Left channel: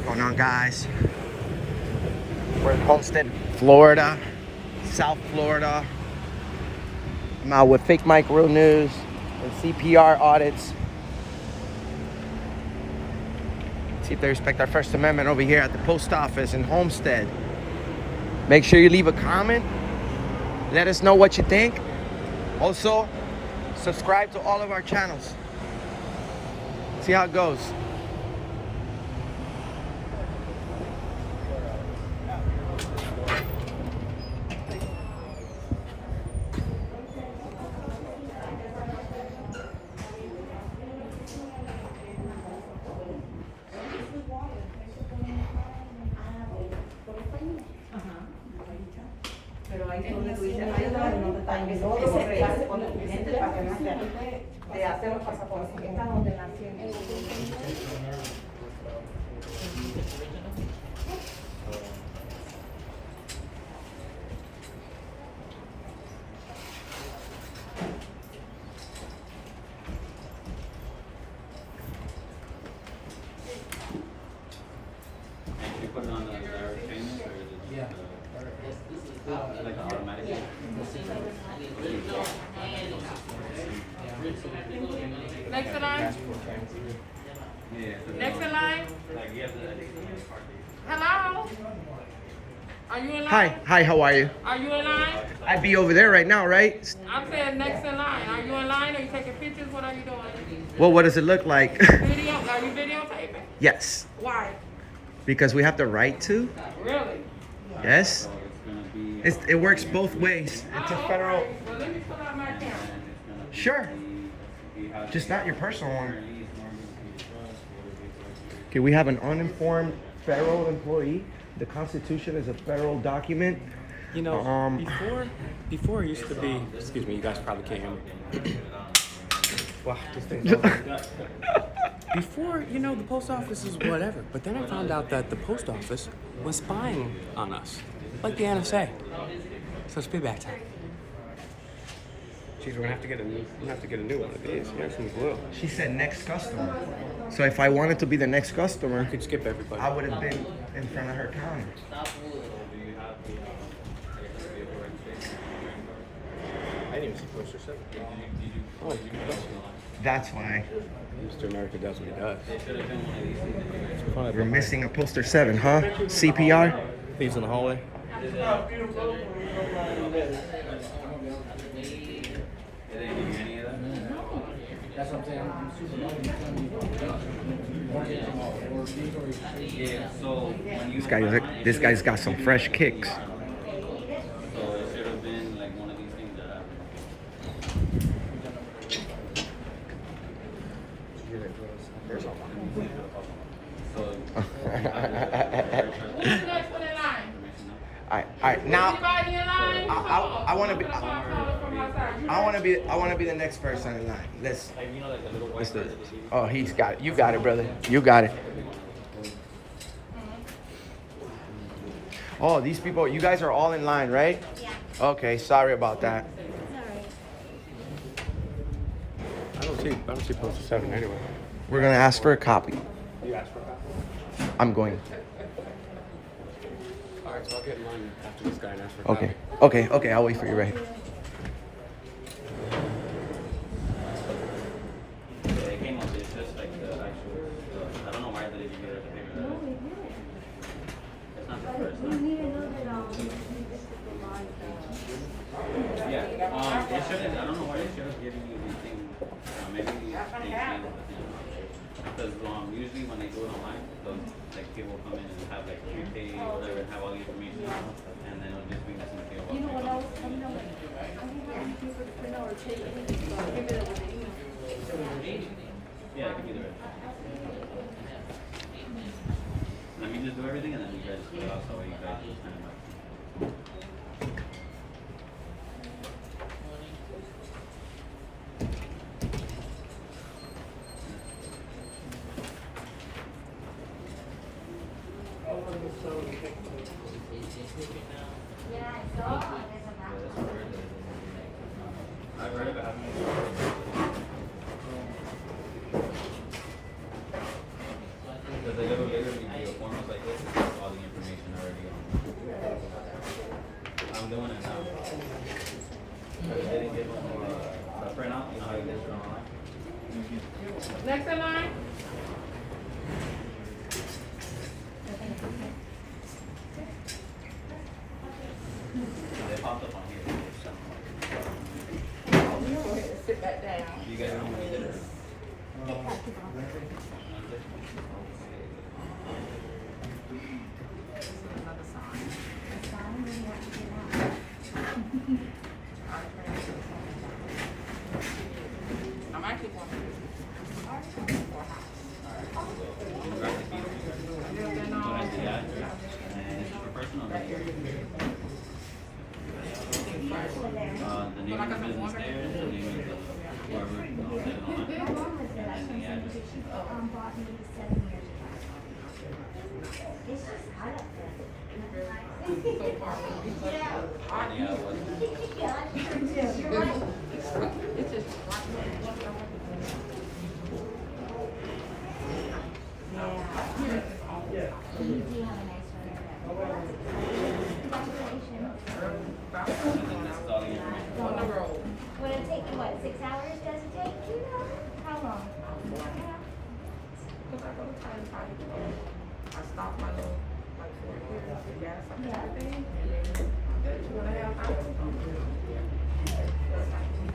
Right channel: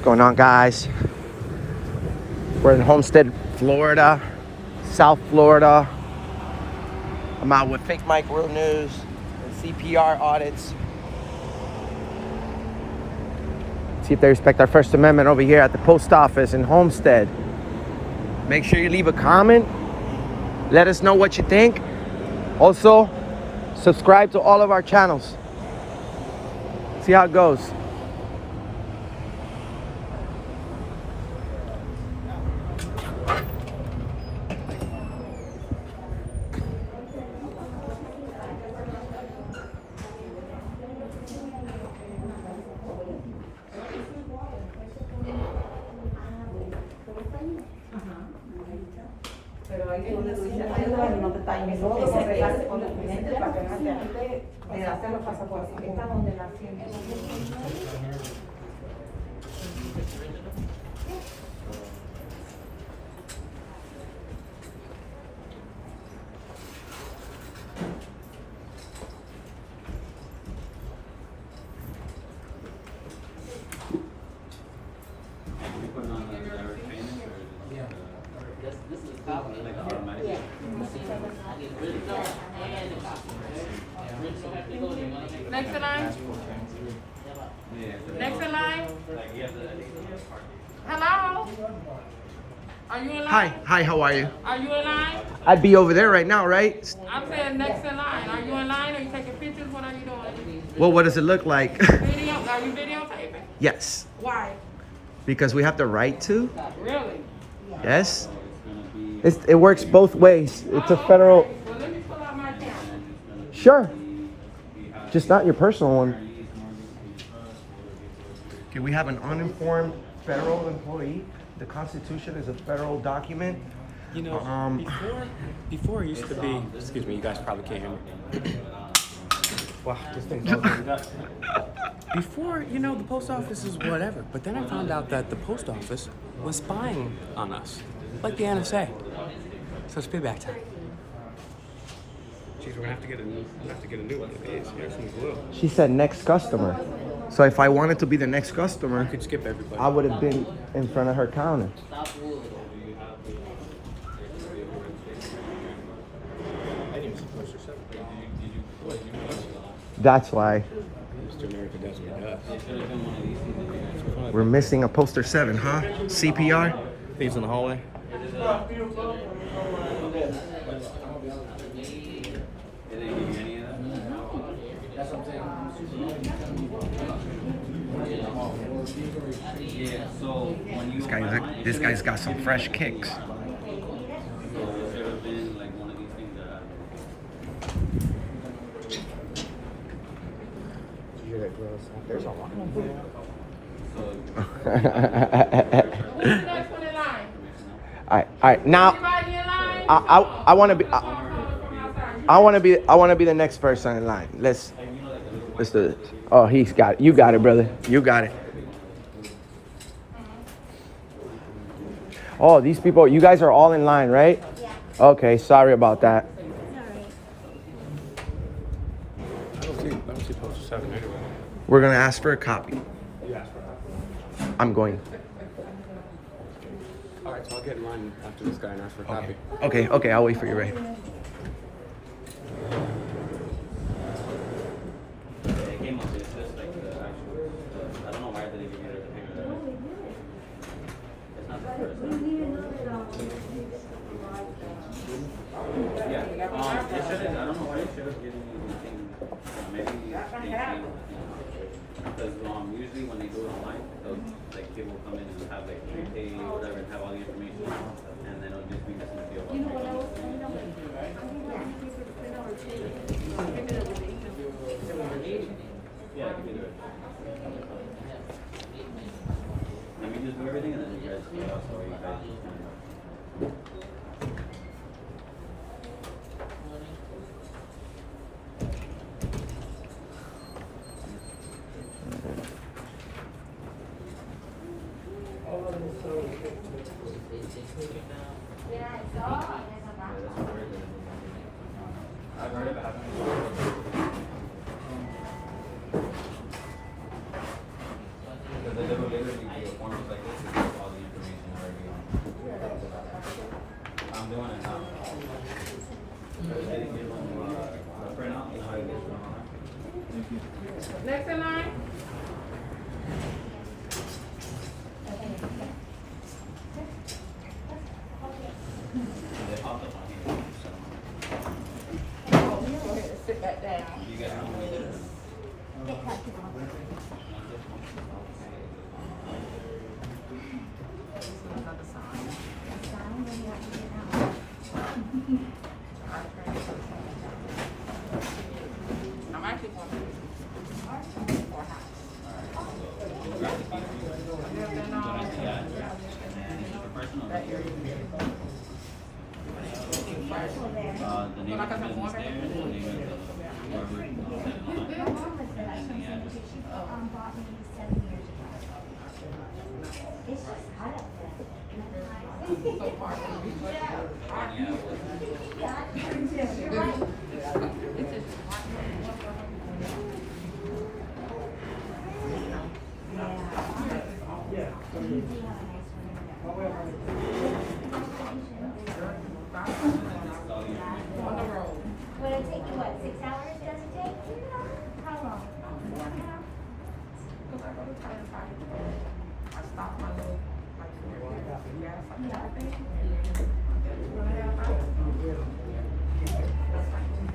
What's going on, guys? We're in Homestead, Florida, South Florida. I'm out with Fake Mike Real News and CPR audits. See if they respect our First Amendment over here at the post office in Homestead. Make sure you leave a comment. Let us know what you think. Also, subscribe to all of our channels. See how it goes. Pero ahí es donde tú dices, hay lugares donde están esos reglas con los clientes para que no te hacen los pasaportes. Está donde nació. Next in line? Next in line? Hello? Are you in line? Hi, how are you? Are you in line? I'd be over there right now, right? I'm saying next in line. Are you in line? Are you taking pictures? What are you doing? Well, what does it look like? Video? Are you videotaping? Yes, Why? because we have the right to. Really? Yes. It works both ways. It's a federal. Okay. Well, let me pull out my camera. Sure. Just not your personal one. Okay, we have an uninformed federal employee. The Constitution is a federal document. You know, before it used to be, excuse me, you guys probably can't hear me. Wow, this thing's over. Before, you know, the post office is whatever, but then I found out that the post office was spying on us, like the NSA. So it's payback time. Jeez, we're gonna have to get a new one of these. Here's some glue. She said next customer. So if I wanted to be the next customer, You could skip everybody. I would have been in front of her counter. I didn't even see poster 7. That's why Mr. America does what he does. we're missing a poster 7, huh? CPR? Thieves in the hallway. This guy's got some fresh kicks. Next one in line. All right. Now Anybody in line? I want to be. I want to be the next person in line. Let's do it. Oh, he's got it. You got it, brother. You got it. Oh, these people. You guys are all in line, right? Yeah. Okay. Sorry about that. Alright. I don't see poster 7 anywhere. We're gonna ask for a copy. You asked for a copy. I'm going. All right, so I'll get in line after this guy and ask for a Okay. copy. Okay. I'll wait for you, right? It came up, it's just like the actual, I don't know why they didn't get it to figure that out. It's not the first time. Yeah, it shouldn't, I don't know why they should have given you the thing, maybe they changed the thing. Because usually when they do it online, they'll, like people come in and have like pay whatever and have all the information, and then it'll just be this material. You know what else? I know that. I think that you for the print out or take it. Give it up with the email. Yeah, it could be the rest. Let me just do everything and then you guys fill out so you guys just kind of. I've heard of it happening. Because I literally do the form Next in line. They popped up on here. So. Oh, you go ahead and sit back down. You guys know who it is? Another sign. I'm actually going to for a house. That area. The name of the business there, the name of the whoever said it on My mom was there. I and the address. she bought me 7 years ago. It's just hot up there. So far from me, but I Yeah, it was- You're right. it's just right. Yeah. You do have a nice one. Congratulations. On the road. Would it take you, what, 6 hours does it take you? How long? Because I go to Titan Party. I stop my little, like, 4 years, gas up and everything, and then I get 2.5 hours.